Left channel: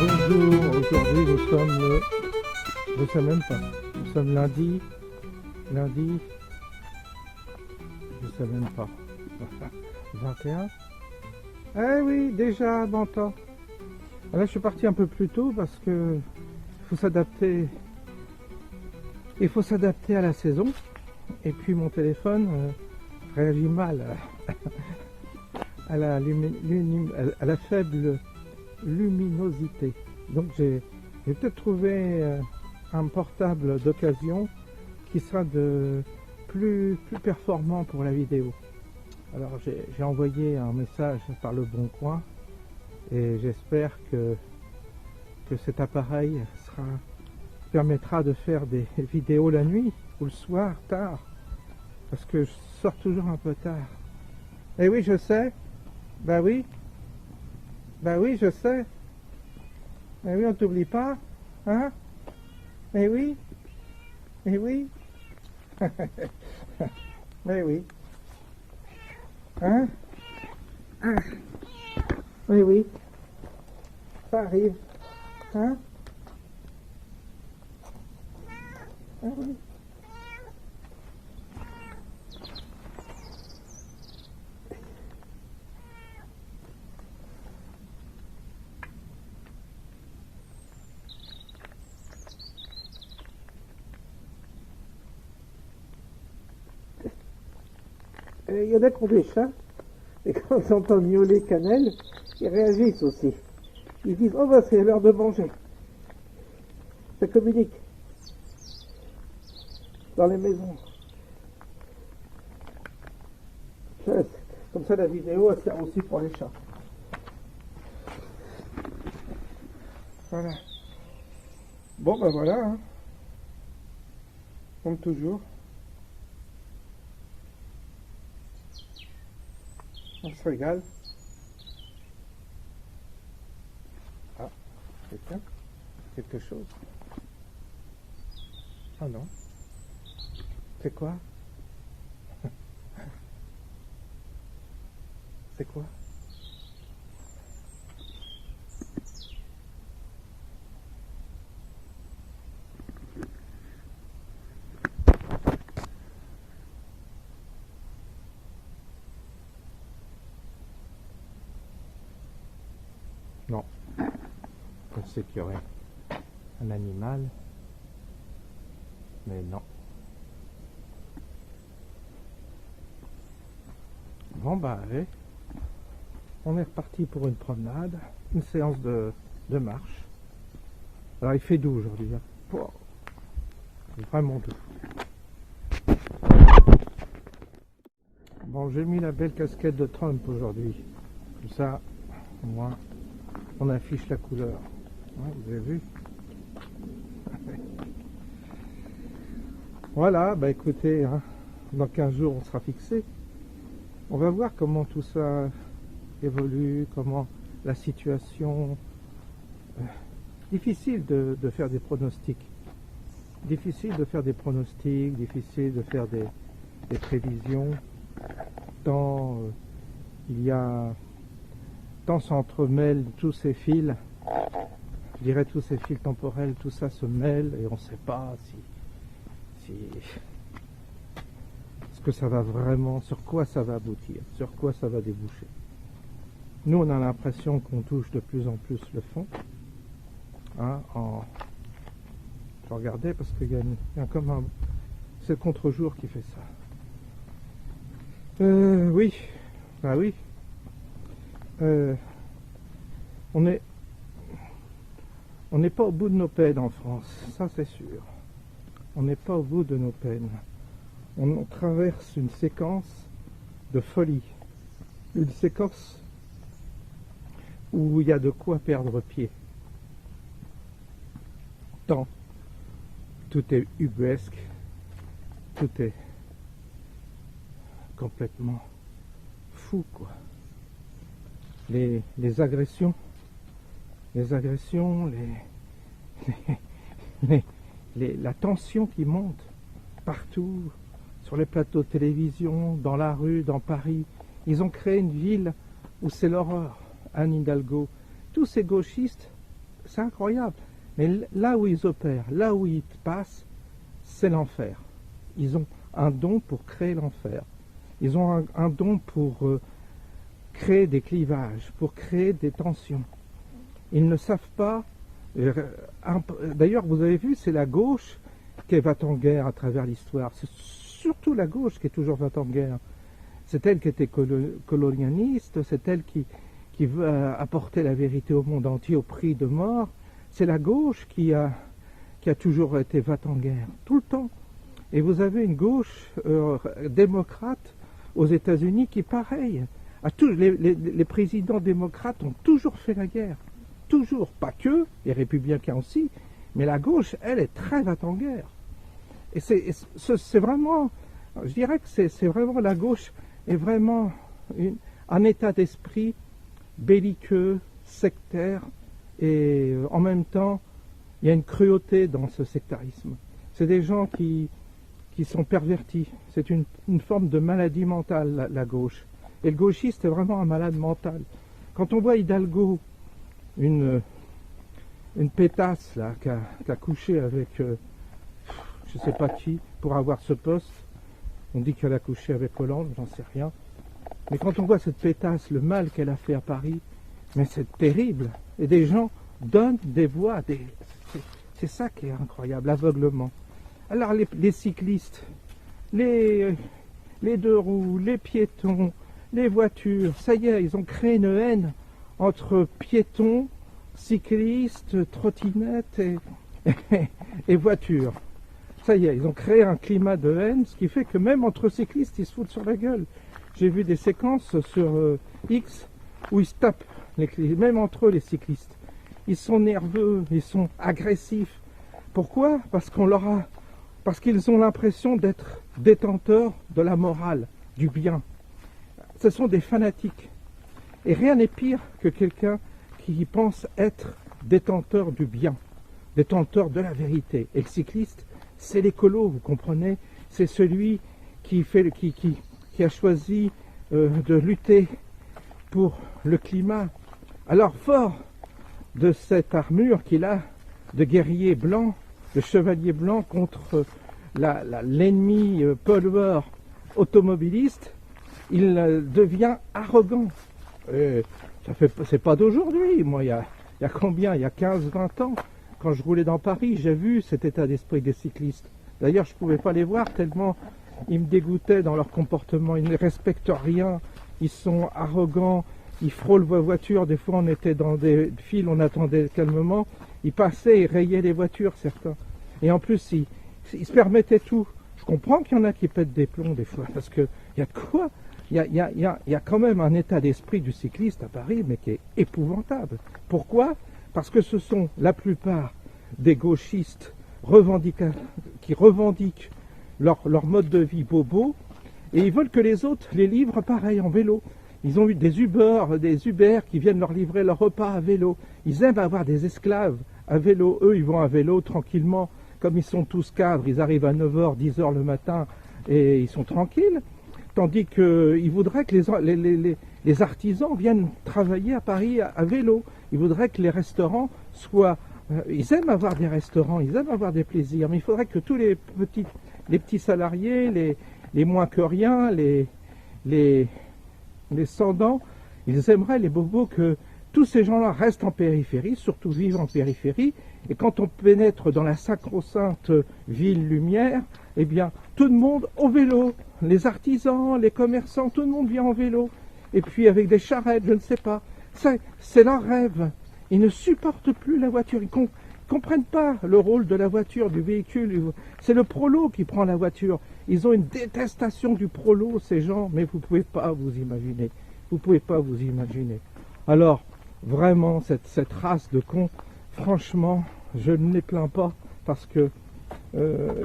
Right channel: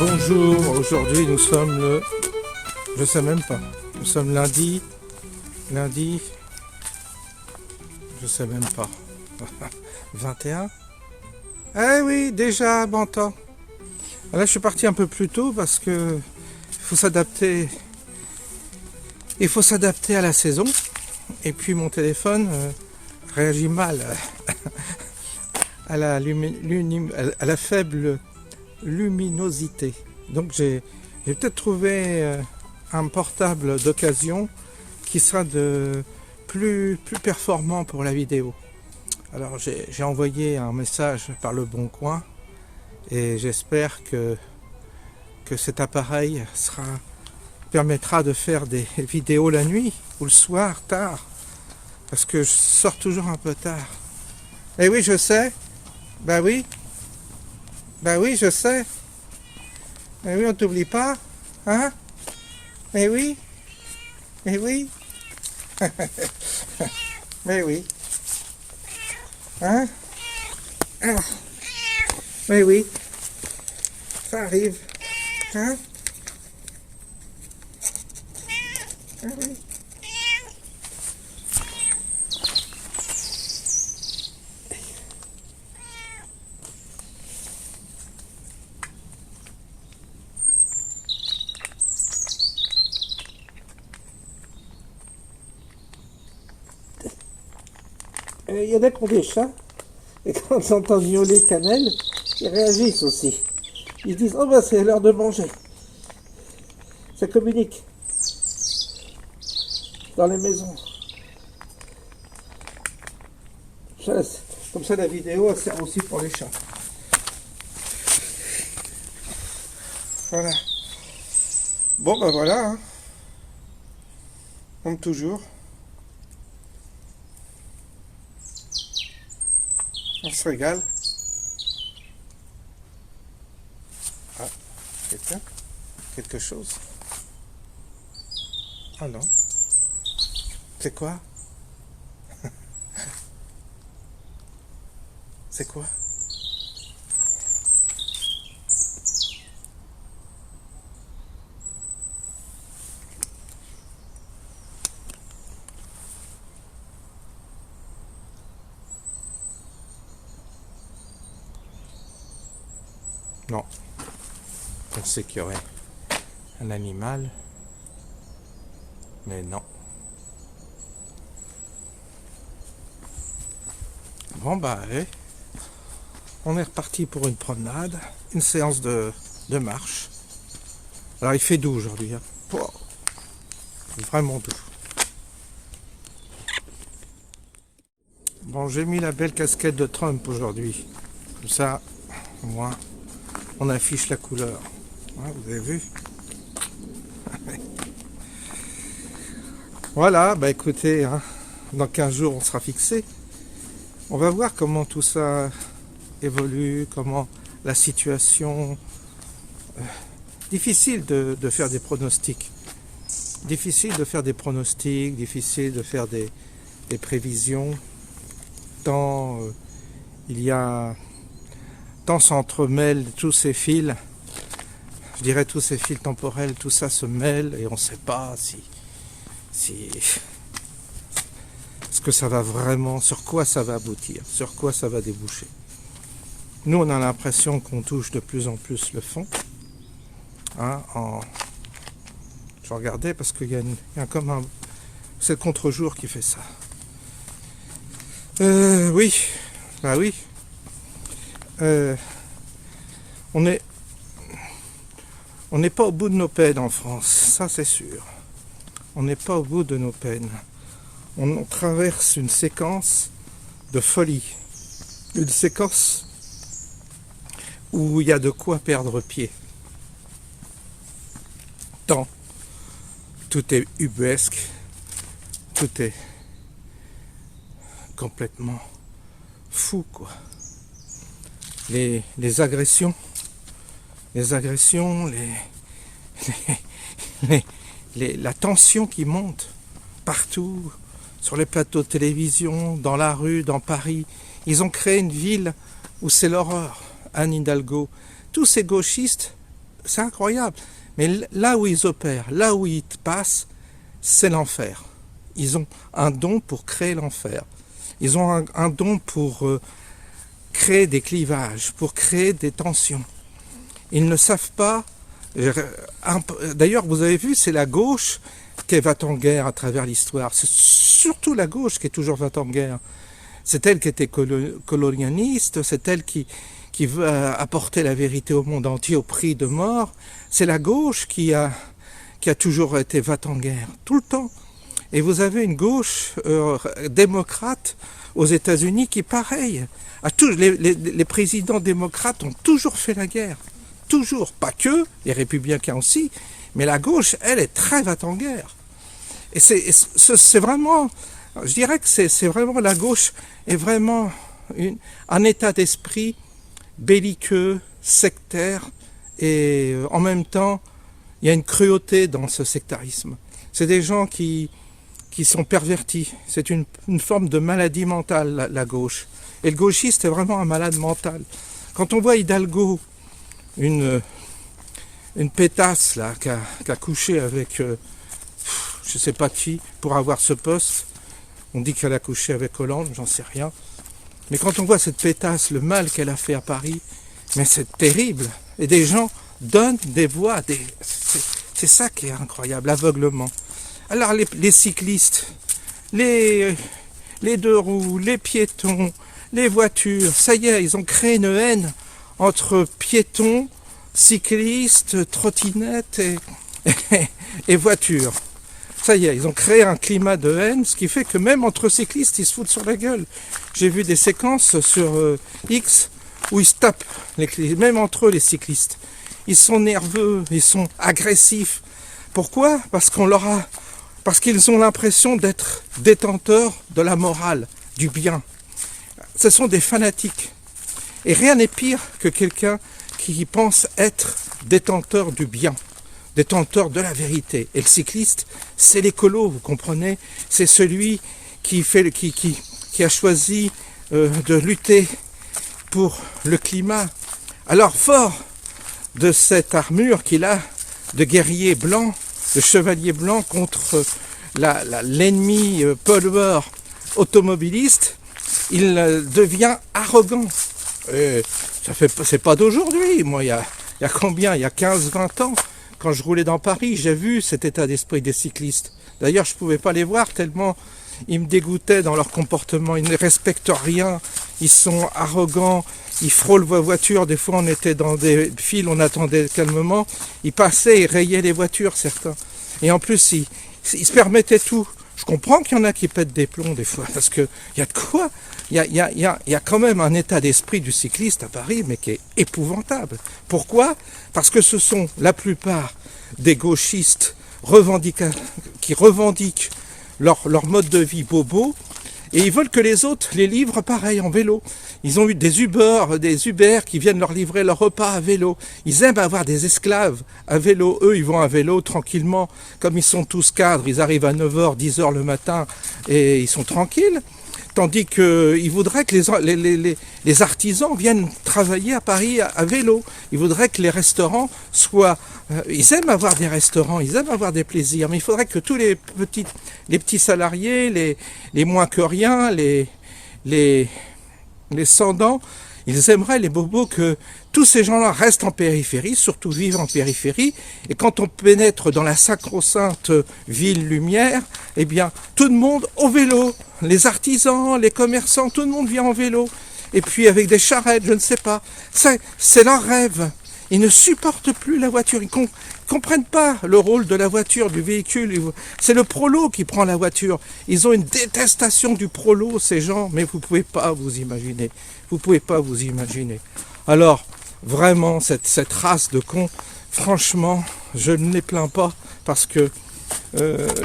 Bonjour, aujourd'hui nous sommes le... Je sais même pas. Nous sommes lundi, je sais même pas. 21. Eh oui, déjà, bon temps. Là, je suis parti un peu plus tôt parce que faut s'adapter. Il faut s'adapter à la saison. Et puis mon téléphone réagit mal à la faible luminosité. Donc j'ai peut-être trouvé un portable d'occasion qui sera plus performant pour la vidéo. Alors j'ai envoyé un message par le Bon Coin et j'espère que cet appareil permettra de faire des vidéos la nuit ou le soir tard, parce que je sors toujours un peu tard. Eh oui, je sais. Bah oui, je sais. Eh oui, on t'oublie pas, hein? Eh oui, eh oui. Mais oui. Hein? Ah. Mais oui. Ça arrive. Hein? Ah oui. Il y en a qui ont des chats, et quand ils entendent miauler Cannelle, ils réagissent aussi. Ils disent « Oh bah c'est l'heure de manger ». Ça communique dans les maisons. Comme ça la vidéo elle sert aussi pour les chats. Voilà. Bon bah voilà, hein. Comme toujours. On se régale. Ah, quelque chose. Ah non. C'est quoi? C'est quoi? Non. On sait qu'il y aurait un animal, mais non. Bon bah allez, on est reparti pour une promenade, une séance de marche. Alors il fait doux aujourd'hui, hein. Oh, vraiment doux. Bon, j'ai mis la belle casquette de Trump aujourd'hui, comme ça, au moins, on affiche la couleur. Ouais, vous avez vu? Voilà, bah écoutez, hein, dans 15 jours on sera fixé. On va voir comment tout ça évolue, comment la situation... difficile de faire des pronostics. Difficile de faire des pronostics, difficile de faire des prévisions. Tant il y a... Tant s'entremêlent tous ces fils, je dirais tous ces fils temporels, tout ça se mêle et on ne sait pas si ce que ça va vraiment, sur quoi ça va aboutir, sur quoi ça va déboucher. Nous, on a l'impression qu'on touche de plus en plus le fond. Hein, je regardais parce qu'il y a comme un... C'est le contre-jour qui fait ça. Oui, bah oui. On est On n'est pas au bout de nos peines en France, ça c'est sûr. On n'est pas au bout de nos peines. On traverse une séquence de folie. Une séquence où il y a de quoi perdre pied. Tant. Tout est ubuesque. Tout est complètement fou, quoi. Les agressions, la tension qui monte partout, sur les plateaux de télévision, dans la rue, dans Paris. Ils ont créé une ville où c'est l'horreur. Anne Hidalgo, tous ces gauchistes, c'est incroyable. Mais là où ils opèrent, là où ils passent, c'est l'enfer. Ils ont un don pour créer l'enfer. Ils ont un don pour créer des clivages, pour créer des tensions. Ils ne savent pas. D'ailleurs, vous avez vu, c'est la gauche qui va en guerre à travers l'histoire. C'est surtout la gauche qui est toujours va en guerre. C'est elle qui était colonialiste, c'est elle qui veut apporter la vérité au monde entier au prix de mort. C'est la gauche qui a toujours été va en guerre, tout le temps. Et vous avez une gauche démocrate aux États-Unis qui, pareil, les présidents démocrates ont toujours fait la guerre. Toujours, pas que, les républicains aussi, mais la gauche, elle, est très va en guerre. Et c'est vraiment, je dirais que c'est vraiment, la gauche est vraiment un état d'esprit belliqueux, sectaire, et en même temps, il y a une cruauté dans ce sectarisme. C'est des gens qui sont pervertis. C'est une forme de maladie mentale, la gauche. Et le gauchiste est vraiment un malade mental. Quand on voit Hidalgo, une pétasse là, qui a couché avec je ne sais pas qui pour avoir ce poste, on dit qu'elle a couché avec Hollande, j'en sais rien. Mais quand on voit cette pétasse, le mal qu'elle a fait à Paris, mais c'est terrible. Et des gens donnent des voix, c'est ça qui est incroyable, l'aveuglement. Alors les cyclistes, les deux roues, les piétons, les voitures, ça y est, ils ont créé une haine entre piétons, cyclistes, trottinettes et voitures. Ça y est, ils ont créé un climat de haine, ce qui fait que même entre cyclistes, ils se foutent sur la gueule. J'ai vu des séquences sur X où ils se tapent, même entre eux les cyclistes. Ils sont nerveux, ils sont agressifs. Pourquoi ? Parce qu'ils ont l'impression d'être détenteurs de la morale, du bien. Ce sont des fanatiques. Et rien n'est pire que quelqu'un qui pense être détenteur du bien, détenteur de la vérité. Et le cycliste, c'est l'écolo, vous comprenez ? C'est celui qui a choisi de lutter pour le climat. Alors, fort de cette armure qu'il a de guerrier blanc, de chevalier blanc contre l'ennemi pollueur automobiliste, il devient arrogant. Et c'est pas d'aujourd'hui. Moi, il y a combien ? Il y a 15-20 ans, quand je roulais dans Paris, j'ai vu cet état d'esprit des cyclistes. D'ailleurs, je ne pouvais pas les voir tellement ils me dégoûtaient dans leur comportement. Ils ne respectent rien, ils sont arrogants, ils frôlent vos voitures. Des fois, on était dans des files, on attendait calmement. Ils passaient, ils rayaient les voitures, certains. Et en plus, ils se permettaient tout. Je comprends qu'il y en a qui pètent des plombs des fois, parce qu'il y a de quoi. Il y a quand même un état d'esprit du cycliste à Paris, mais qui est épouvantable. Pourquoi ? Parce que ce sont la plupart des gauchistes qui revendiquent leur mode de vie bobo, et ils veulent que les autres les livrent pareil, en vélo. Ils ont eu des Uber qui viennent leur livrer leur repas à vélo. Ils aiment avoir des esclaves à vélo. Eux, ils vont à vélo tranquillement. Comme ils sont tous cadres, ils arrivent à 9h, 10h le matin et ils sont tranquilles. Tandis qu'ils voudraient que les artisans viennent travailler à Paris à vélo. Ils voudraient que les restaurants soient... ils aiment avoir des restaurants, ils aiment avoir des plaisirs. Mais il faudrait que tous les petits salariés, les moins que rien, les sans-dents, ils aimeraient, les bobos, que tous ces gens-là restent en périphérie, surtout vivent en périphérie. Et quand on pénètre dans la sacro-sainte ville lumière, eh bien, tout le monde au vélo. Les artisans, les commerçants, tout le monde vient en vélo. Et puis avec des charrettes, je ne sais pas. C'est leur rêve. Ils ne supportent plus la voiture. Ils ne comprennent pas le rôle de la voiture, du véhicule. C'est le prolo qui prend la voiture. Ils ont une détestation du prolo, ces gens, mais vous ne pouvez pas vous imaginer. Vous ne pouvez pas vous imaginer. Alors, vraiment, cette race de cons, franchement, je ne les plains pas parce que,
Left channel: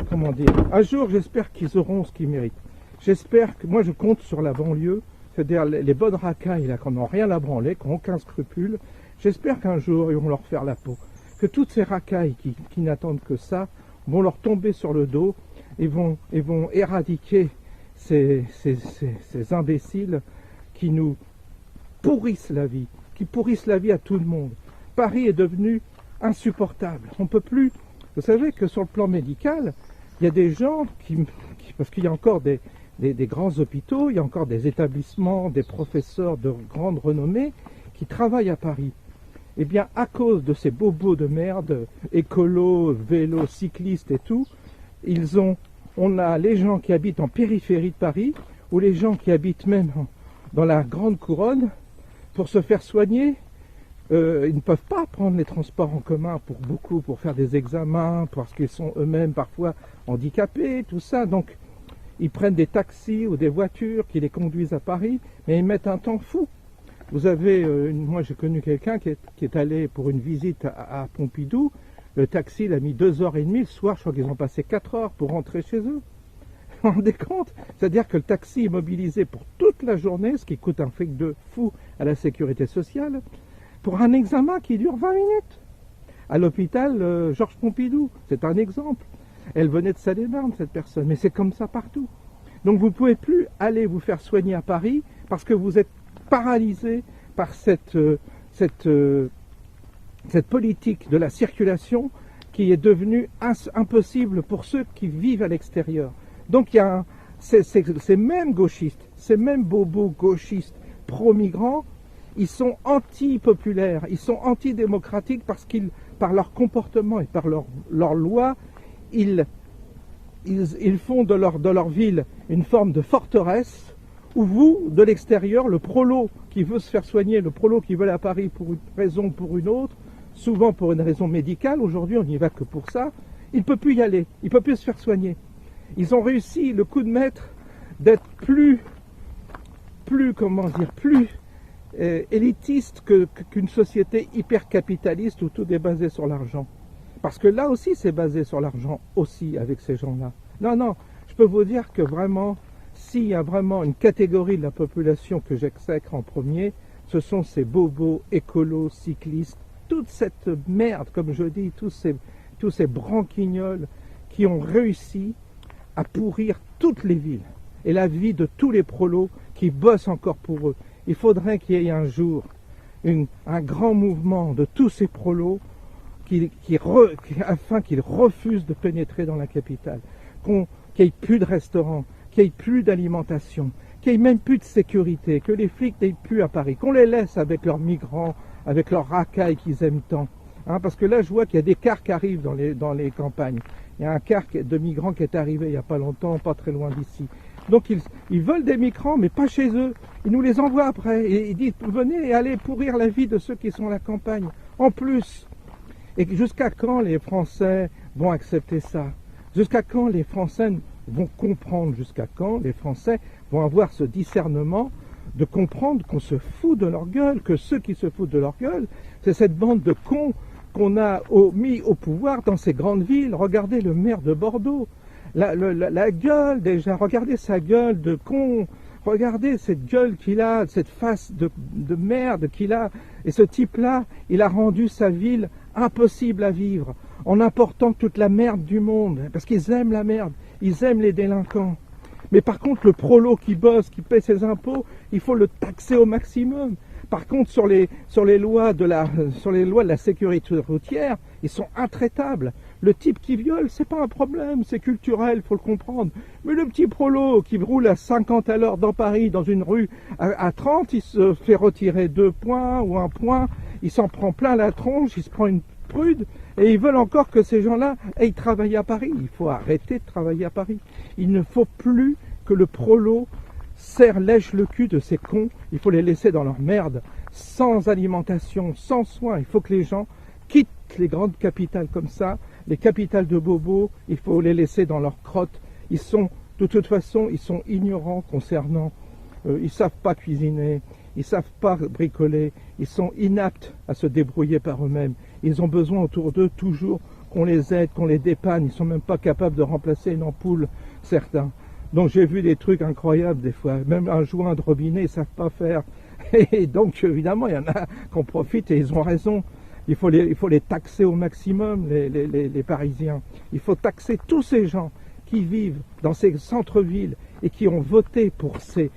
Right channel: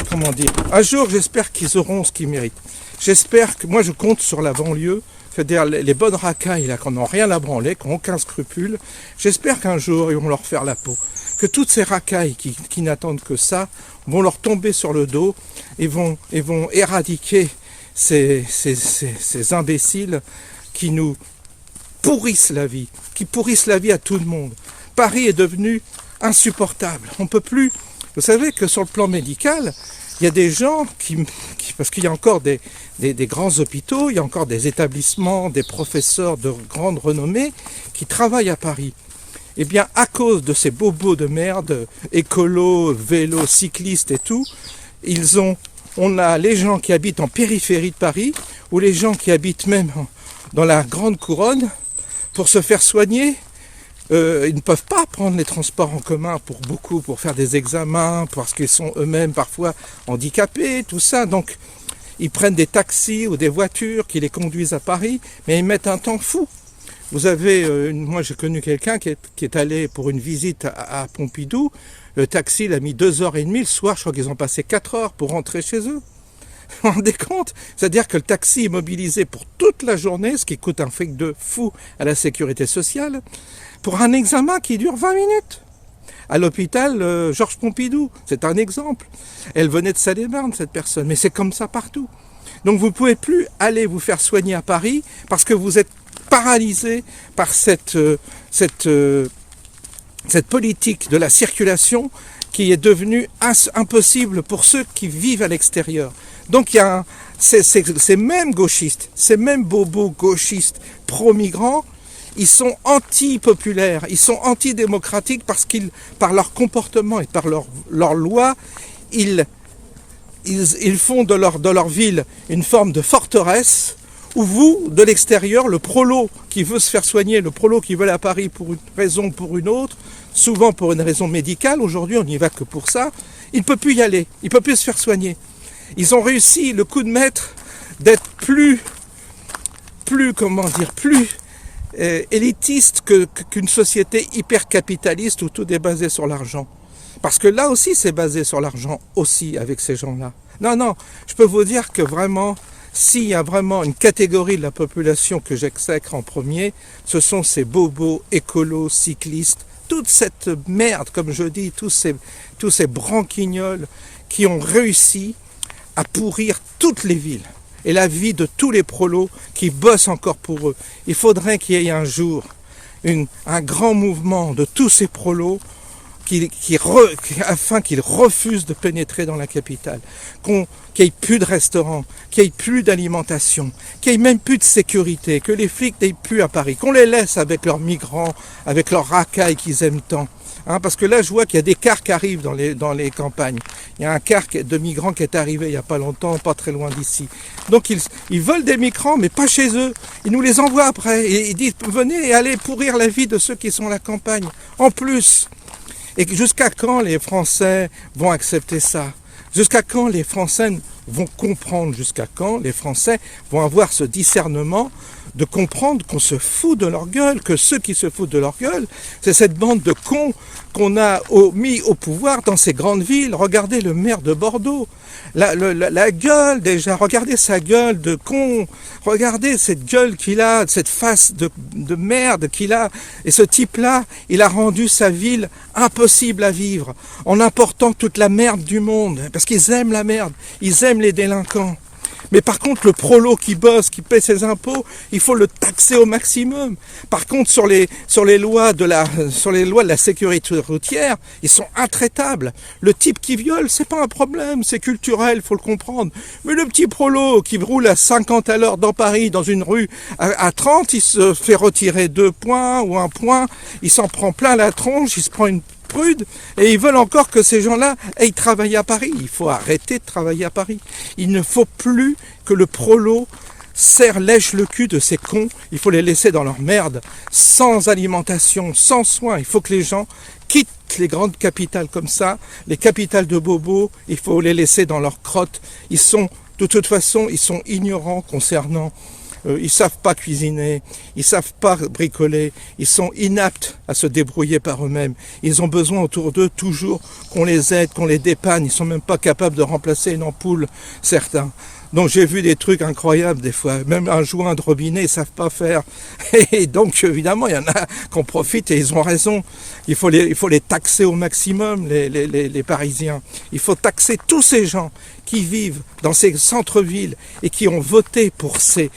comment dire, un jour, j'espère qu'ils auront ce qu'ils méritent. J'espère que, moi, je compte sur la banlieue, c'est-à-dire les bonnes racailles, là, qui n'ont rien à branler, qui n'ont aucun scrupule. J'espère qu'un jour, ils vont leur faire la peau. Que toutes ces racailles qui n'attendent que ça vont leur tomber sur le dos et vont éradiquer ces imbéciles qui nous pourrissent la vie, qui pourrissent la vie à tout le monde. Paris est devenu insupportable. On ne peut plus... Vous savez que sur le plan médical, il y a des gens parce qu'il y a encore des grands hôpitaux, il y a encore des établissements, des professeurs de grande renommée qui travaillent à Paris. Eh bien, à cause de ces bobos de merde, écolos, vélos, cyclistes et tout, on a les gens qui habitent en périphérie de Paris, ou les gens qui habitent même dans la grande couronne, pour se faire soigner. Ils ne peuvent pas prendre les transports en commun pour faire des examens, parce qu'ils sont eux-mêmes parfois handicapés, tout ça. Donc, ils prennent des taxis ou des voitures qui les conduisent à Paris, mais ils mettent un temps fou. Vous avez, moi j'ai connu quelqu'un qui est allé pour une visite à Pompidou. Le taxi, il a mis 2h30. Le soir, je crois qu'ils ont passé 4 heures pour rentrer chez eux. Vous vous rendez compte? C'est-à-dire que le taxi est mobilisé pour toute la journée, ce qui coûte un fric de fou à la sécurité sociale, pour un examen qui dure 20 minutes. À l'hôpital Georges Pompidou, c'est un exemple. Elle venait de Salé-Marne, cette personne, mais c'est comme ça partout. Donc vous ne pouvez plus aller vous faire soigner à Paris parce que vous êtes paralysé par cette politique de la circulation qui est devenue impossible pour ceux qui vivent à l'extérieur. Donc il y a ces mêmes gauchistes, ces mêmes bobos gauchistes pro-migrants, ils sont anti-populaires, ils sont antidémocratiques parce qu'ils, par leur comportement et par leur loi, ils font de leur ville une forme de forteresse où vous, de l'extérieur, le prolo qui veut se faire soigner, le prolo qui veut aller à Paris pour une raison ou pour une autre, souvent pour une raison médicale, aujourd'hui on n'y va que pour ça, il ne peut plus y aller, il ne peut plus se faire soigner. Ils ont réussi le coup de maître d'être plus élitiste qu'une société hyper capitaliste où tout est basé sur l'argent. Parce que là aussi c'est basé sur l'argent aussi avec ces gens-là. Non, je peux vous dire que vraiment, s'il y a vraiment une catégorie de la population que j'exècre en premier, ce sont ces bobos, écolos, cyclistes, toute cette merde, comme je dis, tous ces branquignols qui ont réussi à pourrir toutes les villes et la vie de tous les prolos qui bossent encore pour eux. Il faudrait qu'il y ait un jour un grand mouvement de tous ces prolos afin qu'ils refusent de pénétrer dans la capitale, qu'il n'y ait plus de restaurants, qu'il n'y ait plus d'alimentation, qu'il n'y ait même plus de sécurité, que les flics n'aient plus à Paris, qu'on les laisse avec leurs migrants, avec leurs racailles qu'ils aiment tant. Parce que là, je vois qu'il y a des cars qui arrivent dans les campagnes. Il y a un car de migrants qui est arrivé il n'y a pas longtemps, pas très loin d'ici. Donc ils veulent des migrants, mais pas chez eux. Ils nous les envoient après. Et ils disent, venez et allez pourrir la vie de ceux qui sont à la campagne. En plus. Et jusqu'à quand les Français vont accepter ça? Jusqu'à quand les Français vont comprendre? Jusqu'à quand les Français vont avoir ce discernement de comprendre qu'on se fout de leur gueule, que ceux qui se foutent de leur gueule, c'est cette bande de cons qu'on a mis au pouvoir dans ces grandes villes. Regardez le maire de Bordeaux, la gueule déjà, regardez sa gueule de con, regardez cette gueule qu'il a, cette face de merde qu'il a, et ce type-là, il a rendu sa ville impossible à vivre, en important toute la merde du monde, parce qu'ils aiment la merde, ils aiment les délinquants. Mais par contre, le prolo qui bosse, qui paie ses impôts, il faut le taxer au maximum. Par contre, sur les lois de la sécurité routière, ils sont intraitables. Le type qui viole, c'est pas un problème, c'est culturel, il faut le comprendre. Mais le petit prolo qui roule à 50 à l'heure dans Paris, dans une rue à 30, il se fait retirer 2 points ou 1 point, il s'en prend plein la tronche, il se prend une prude, et ils veulent encore que ces gens-là aillent travailler à Paris. Il faut arrêter de travailler à Paris. Il ne faut plus que le prolo lèche le cul de ces cons, il faut les laisser dans leur merde, sans alimentation, sans soins. Il faut que les gens quittent les grandes capitales comme ça, les capitales de bobos, il faut les laisser dans leur crotte. Ils sont, de toute façon, ils sont ignorants concernant, ils savent pas cuisiner, ils savent pas bricoler, ils sont inaptes à se débrouiller par eux-mêmes. Ils ont besoin autour d'eux toujours qu'on les aide, qu'on les dépanne. Ils sont même pas capables de remplacer une ampoule, certains. Donc j'ai vu des trucs incroyables des fois, même un joint de robinet, ils savent pas faire. Et donc évidemment, il y en a qui en profitent et ils ont raison. Il faut les taxer au maximum, les Parisiens. Il faut taxer tous ces gens qui vivent dans ces centres-villes et qui ont voté pour ces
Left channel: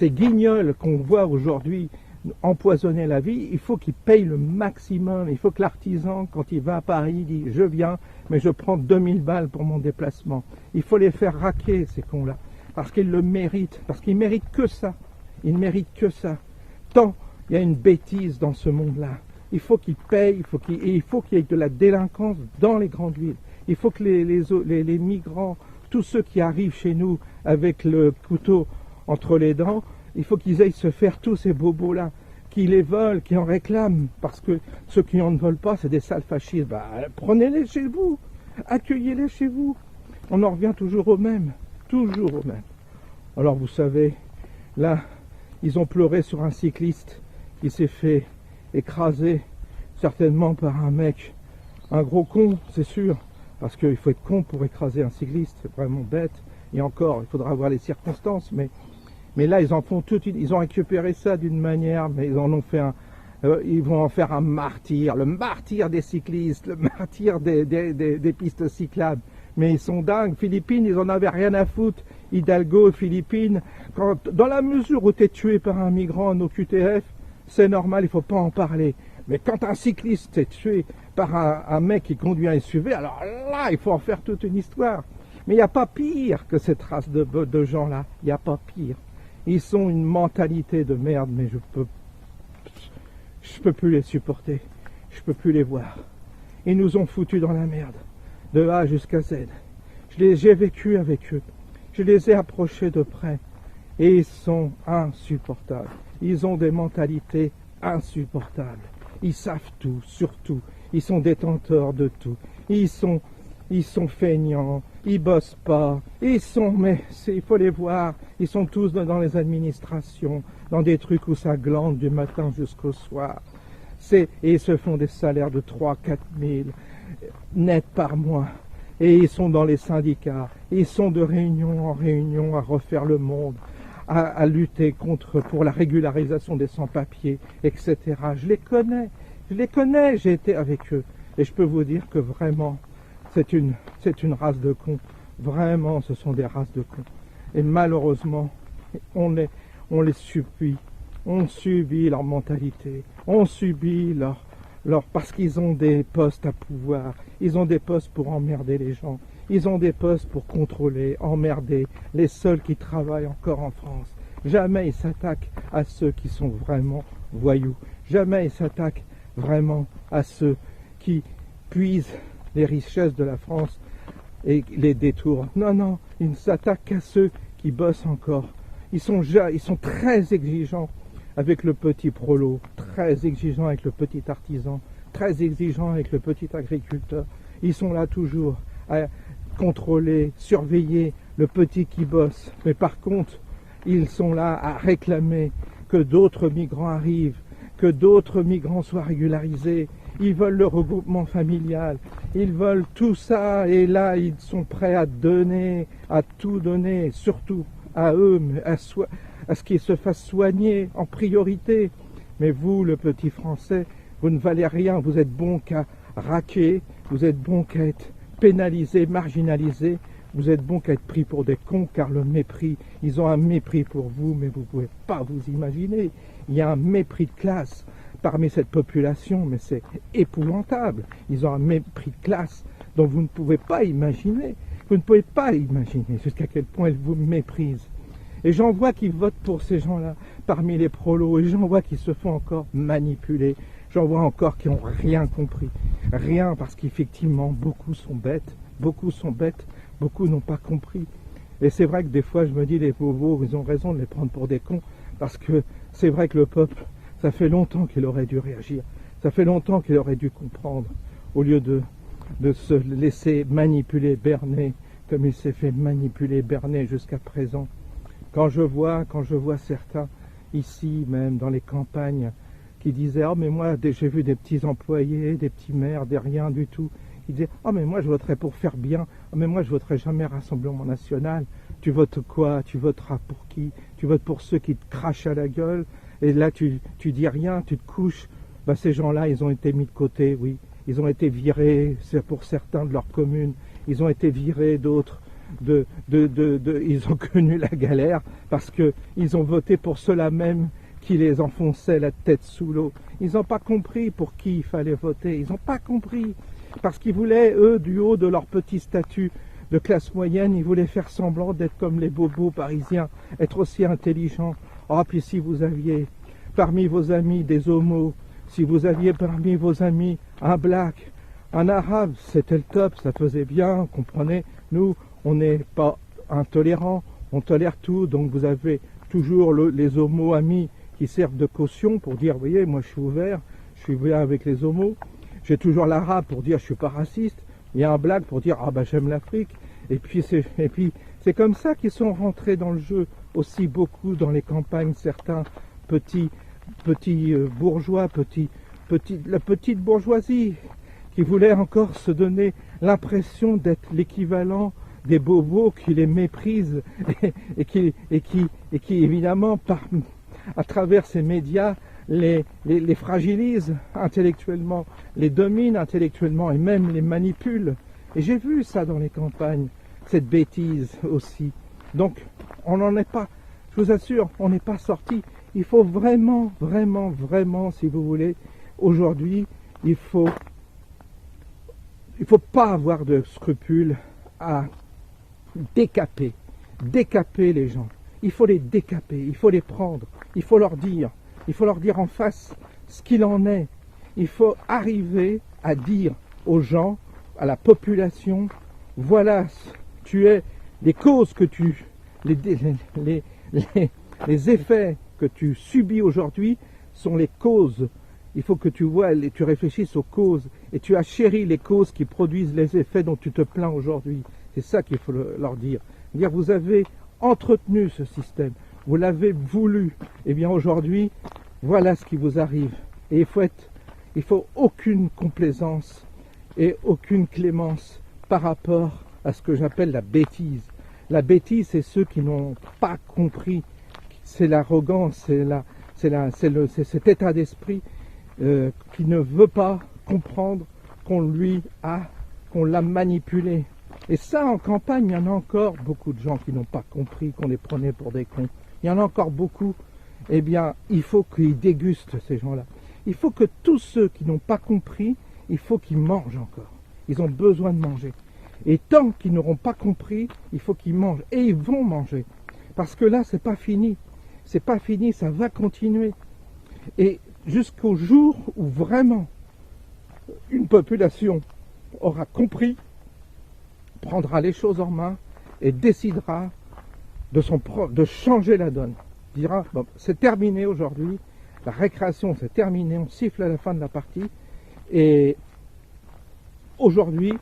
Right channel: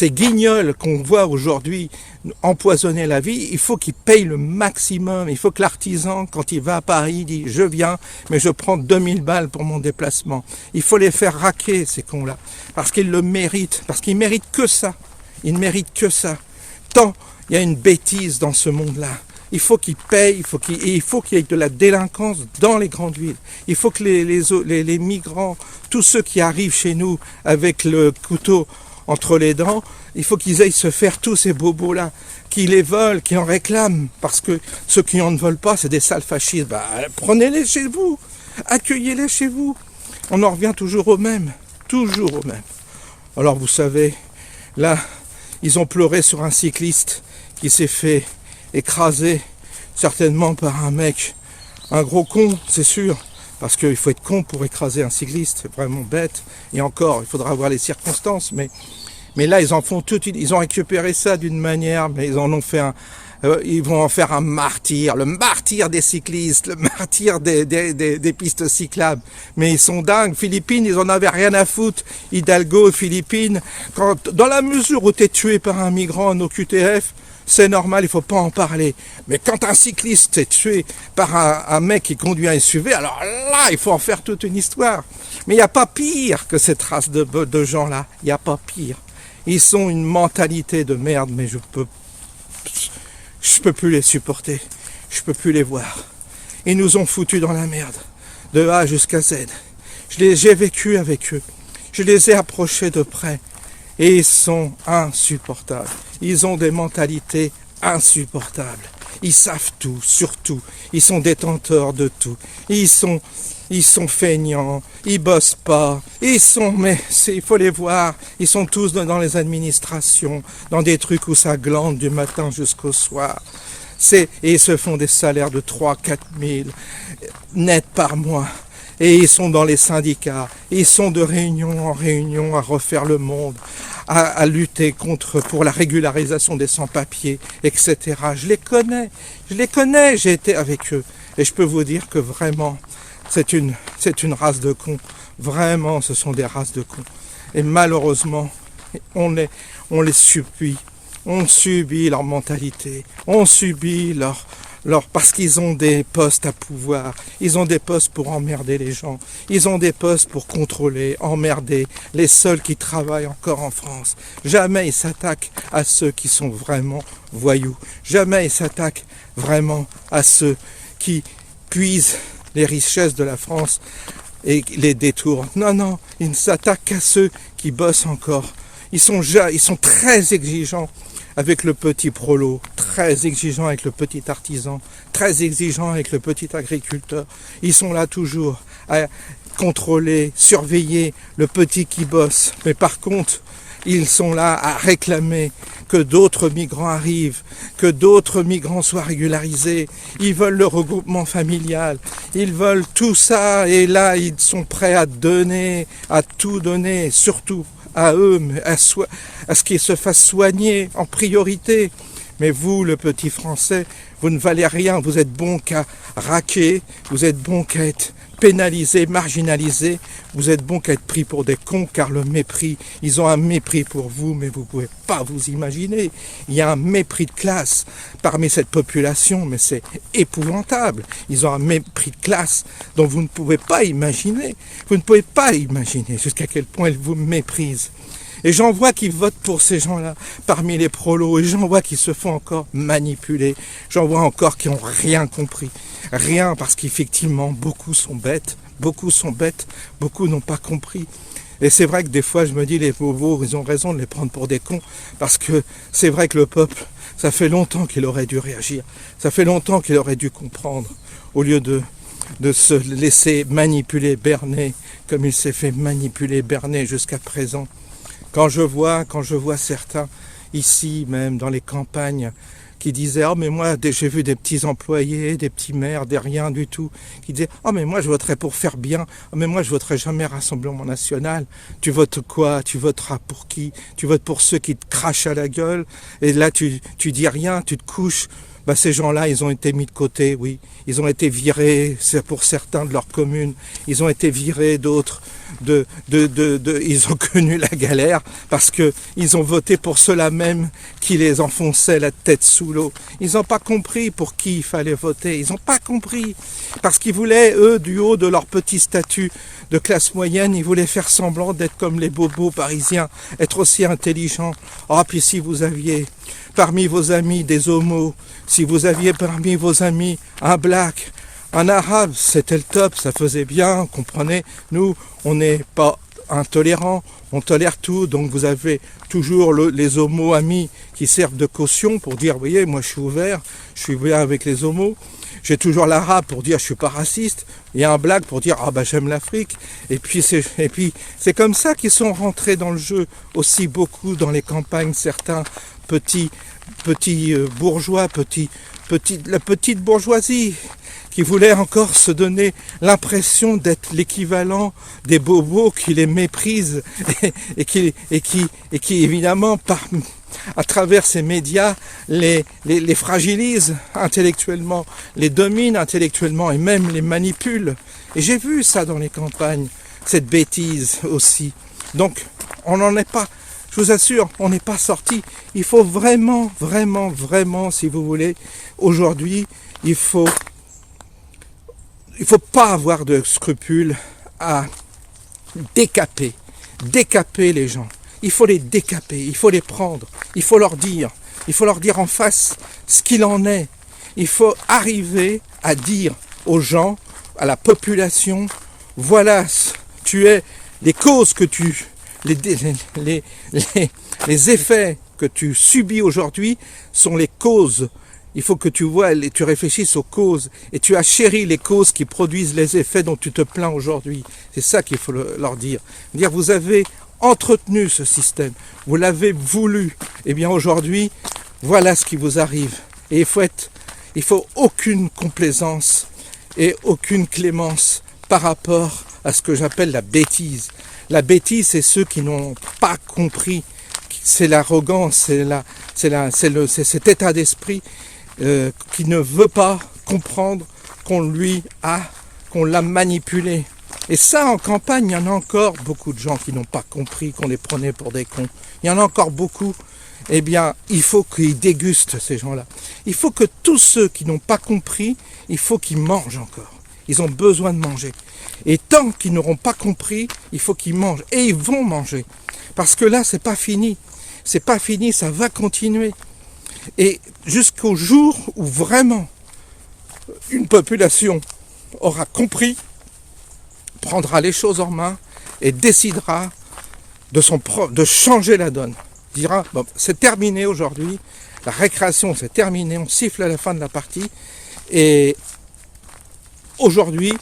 guignols qu'on voit aujourd'hui empoisonner la vie. Il faut qu'ils payent le maximum. Il faut que l'artisan, quand il va à Paris, dit « je viens, mais je prends 2000 balles pour mon déplacement ». Il faut les faire raquer, ces cons-là, parce qu'ils le méritent, parce qu'ils méritent que ça. Ils ne méritent que ça. Tant il y a une bêtise dans ce monde-là. Il faut qu'ils payent, il faut qu'il y ait de la délinquance dans les grandes villes. Il faut que les migrants, tous ceux qui arrivent chez nous avec le couteau entre les dents, il faut qu'ils aillent se faire tous ces bobos-là, qui les veulent, qui en réclament, parce que ceux qui en ne veulent pas, c'est des sales fascistes. Bah, prenez-les chez vous, accueillez-les chez vous. On en revient toujours au même, toujours au même. Alors vous savez, là, ils ont pleuré sur un cycliste qui s'est fait écraser, certainement par un mec, un gros con, c'est sûr, parce qu'il faut être con pour écraser un cycliste, c'est vraiment bête, et encore, il faudra voir les circonstances, mais là, ils en font tout, ils ont récupéré ça d'une manière, mais ils en ont fait ils vont en faire un martyr, le martyr des cyclistes, le martyr des pistes cyclables. Mais ils sont dingues. Philippines, ils en avaient rien à foutre. Hidalgo, Philippines, dans la mesure où tu es tué par un migrant en OQTF, c'est normal, il faut pas en parler. Mais quand un cycliste est tué par un mec qui conduit un SUV, alors là, il faut en faire toute une histoire. Mais il n'y a pas pire que cette race de gens-là. Il n'y a pas pire. Ils sont une mentalité de merde, mais je peux plus les supporter. Je peux plus les voir. Ils nous ont foutus dans la merde, de A jusqu'à Z. J'ai vécu avec eux. Je les ai approchés de près. Et ils sont insupportables. Ils ont des mentalités insupportables. Ils savent tout, surtout. Ils sont détenteurs de tout. Ils sont feignants, ils bossent pas, mais il faut les voir, ils sont tous dans les administrations, dans des trucs où ça glande du matin jusqu'au soir. Et ils se font des salaires de 3-4 000 nets par mois. Et ils sont dans les syndicats, ils sont de réunion en réunion à refaire le monde, à lutter pour la régularisation des sans-papiers, etc. Je les connais, j'ai été avec eux. Et je peux vous dire que vraiment, c'est une race de cons. Vraiment, ce sont des races de cons. Et malheureusement, on les subit. On subit leur mentalité. On subit parce qu'ils ont des postes à pouvoir. Ils ont des postes pour emmerder les gens. Ils ont des postes pour contrôler, emmerder les seuls qui travaillent encore en France. Jamais ils s'attaquent à ceux qui sont vraiment voyous. Jamais ils s'attaquent vraiment à ceux qui puisent les richesses de la France et les détournent. Non, ils ne s'attaquent qu'à ceux qui bossent encore. Ils sont très exigeants avec le petit prolo, très exigeants avec le petit artisan, très exigeants avec le petit agriculteur. Ils sont là toujours à contrôler, surveiller le petit qui bosse. Mais par contre, ils sont là à réclamer que d'autres migrants arrivent, que d'autres migrants soient régularisés. Ils veulent le regroupement familial, ils veulent tout ça, et là, ils sont prêts à donner, à tout donner, surtout à eux, à ce qu'ils se fassent soigner en priorité. Mais vous, le petit Français, vous ne valez rien, vous êtes bon qu'à raquer, vous êtes bon qu'à être pénalisé, marginalisé, vous êtes bon qu'à être pris pour des cons, car le mépris, ils ont un mépris pour vous, mais vous ne pouvez pas vous imaginer. Il y a un mépris de classe parmi cette population, mais c'est épouvantable. Ils ont un mépris de classe dont vous ne pouvez pas imaginer. Vous ne pouvez pas imaginer jusqu'à quel point ils vous méprisent. Et j'en vois qui votent pour ces gens-là parmi les prolos, et j'en vois qui se font encore manipuler. J'en vois encore qui n'ont rien compris. Rien, parce qu'effectivement, beaucoup sont bêtes, beaucoup n'ont pas compris. Et c'est vrai que des fois, je me dis, les bobos, ils ont raison de les prendre pour des cons, parce que c'est vrai que le peuple, ça fait longtemps qu'il aurait dû réagir, ça fait longtemps qu'il aurait dû comprendre, au lieu de se laisser manipuler, berner, comme il s'est fait manipuler, berner jusqu'à présent. Quand je vois certains, ici même, dans les campagnes, qui disaient « Oh mais moi j'ai vu des petits employés, des petits maires, des rien du tout » qui disaient « Oh mais moi je voterai pour faire bien, oh mais moi je voterai jamais Rassemblement National. » Tu votes quoi? Tu voteras pour qui? Tu votes pour ceux qui te crachent à la gueule et là tu dis rien, tu te couches. Ben, ces gens-là, ils ont été mis de côté, oui. Ils ont été virés, c'est pour certains de leur commune. Ils ont été virés, d'autres. Ils ont connu la galère parce qu'ils ont voté pour ceux-là même qui les enfonçaient la tête sous l'eau. Ils n'ont pas compris pour qui il fallait voter. Ils n'ont pas compris. Parce qu'ils voulaient, eux, du haut de leur petit statut de classe moyenne, ils voulaient faire semblant d'être comme les bobos parisiens, être aussi intelligents. Ah, puis si vous aviez parmi vos amis des homos, si vous aviez parmi vos amis un black, un arabe, c'était le top, ça faisait bien, comprenez. Nous, on n'est pas intolérants, on tolère tout, donc vous avez toujours les homos amis qui servent de caution pour dire, vous voyez, moi je suis ouvert, je suis bien avec les homos. J'ai toujours l'arabe pour dire je suis pas raciste. Il y a un black pour dire ah bah j'aime l'Afrique. Et puis c'est comme ça qu'ils sont rentrés dans le jeu aussi beaucoup dans les campagnes, certains petits bourgeois, la petite bourgeoisie qui voulait encore se donner l'impression d'être l'équivalent des bobos qui les méprisent et qui évidemment à travers ces médias les fragilisent intellectuellement, les dominent intellectuellement et même les manipulent. Et j'ai vu ça dans les campagnes, cette bêtise aussi. Donc on n'en est pas, je vous assure, on n'est pas sorti. Il faut vraiment, vraiment, vraiment, si vous voulez, aujourd'hui, il faut pas avoir de scrupules à décaper les gens. Il faut les décaper, il faut les prendre, il faut leur dire en face ce qu'il en est. Il faut arriver à dire aux gens, à la population, voilà, les causes que les effets que tu subis aujourd'hui sont les causes. Il faut que tu vois, tu réfléchisses aux causes et tu achéris les causes qui produisent les effets dont tu te plains aujourd'hui. C'est ça qu'il faut leur dire. Vous avez entretenu ce système, vous l'avez voulu. Eh bien aujourd'hui, voilà ce qui vous arrive. Et il faut aucune complaisance et aucune clémence par rapport à ce que j'appelle la bêtise. La bêtise, c'est ceux qui n'ont pas compris. C'est l'arrogance, c'est cet état d'esprit qui ne veut pas comprendre qu'on l'a manipulé. Et ça, en campagne, il y en a encore beaucoup de gens qui n'ont pas compris qu'on les prenait pour des cons. Il y en a encore beaucoup. Eh bien, il faut qu'ils dégustent, ces gens-là. Il faut que tous ceux qui n'ont pas compris, il faut qu'ils mangent encore. Ils ont besoin de manger. Et tant qu'ils n'auront pas compris, il faut qu'ils mangent. Et ils vont manger. Parce que là, c'est pas fini. C'est pas fini, ça va continuer. Et jusqu'au jour où vraiment une population aura compris, prendra les choses en main et décidera de changer la donne. Dira, bon, c'est terminé aujourd'hui, la récréation c'est terminé, on siffle à la fin de la partie et aujourd'hui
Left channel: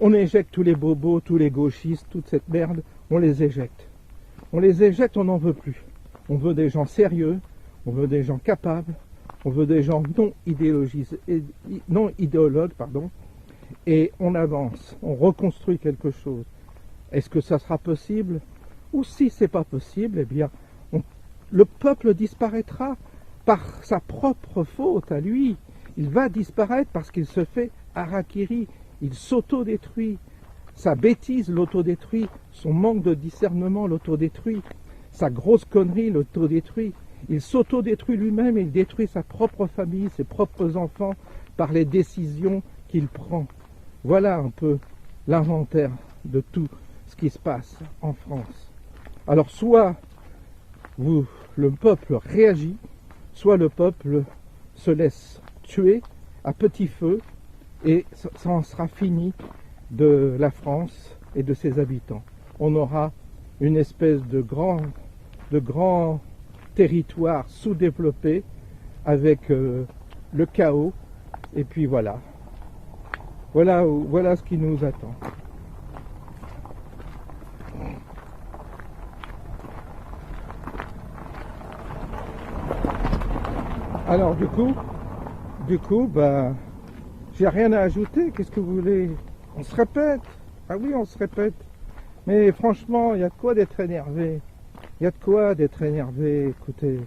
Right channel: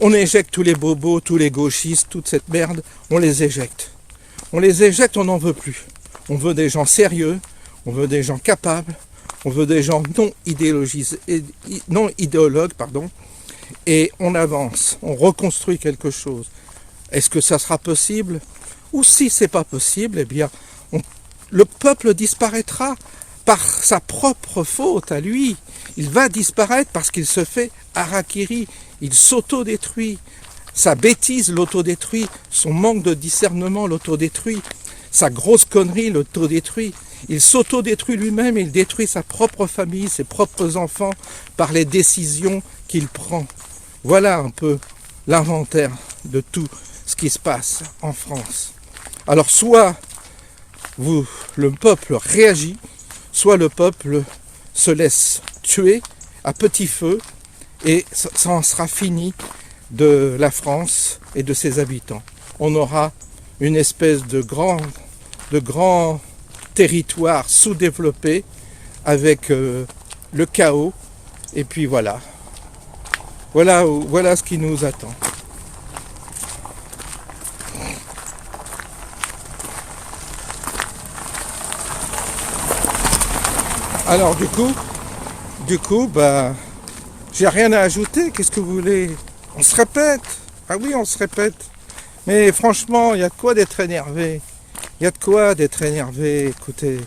on éjecte tous les bobos, tous les gauchistes, toute cette merde, on les éjecte. On les éjecte, on n'en veut plus. On veut des gens sérieux, on veut des gens capables, on veut des gens non idéologues, et on avance, on reconstruit quelque chose. Est-ce que ça sera possible? Ou si c'est pas possible, eh bien, le peuple disparaîtra par sa propre faute à lui. Il va disparaître parce qu'il se fait harakiri, il s'autodétruit. Sa bêtise l'autodétruit, son manque de discernement l'autodétruit, sa grosse connerie l'autodétruit. Il s'autodétruit lui-même, il détruit sa propre famille, ses propres enfants par les décisions qu'il prend. Voilà un peu l'inventaire de tout ce qui se passe en France. Alors soit le peuple réagit, soit le peuple se laisse tuer à petit feu et ça en sera fini de la France et de ses habitants. On aura une espèce de grand territoire sous-développé avec le chaos. Et puis voilà. Voilà ce qui nous attend. Alors du coup, bah, j'ai rien à ajouter. Qu'est-ce que vous voulez? On se répète. Ah oui, on se répète. Mais franchement, il y a de quoi d'être énervé. Il y a de quoi d'être énervé. Écoutez,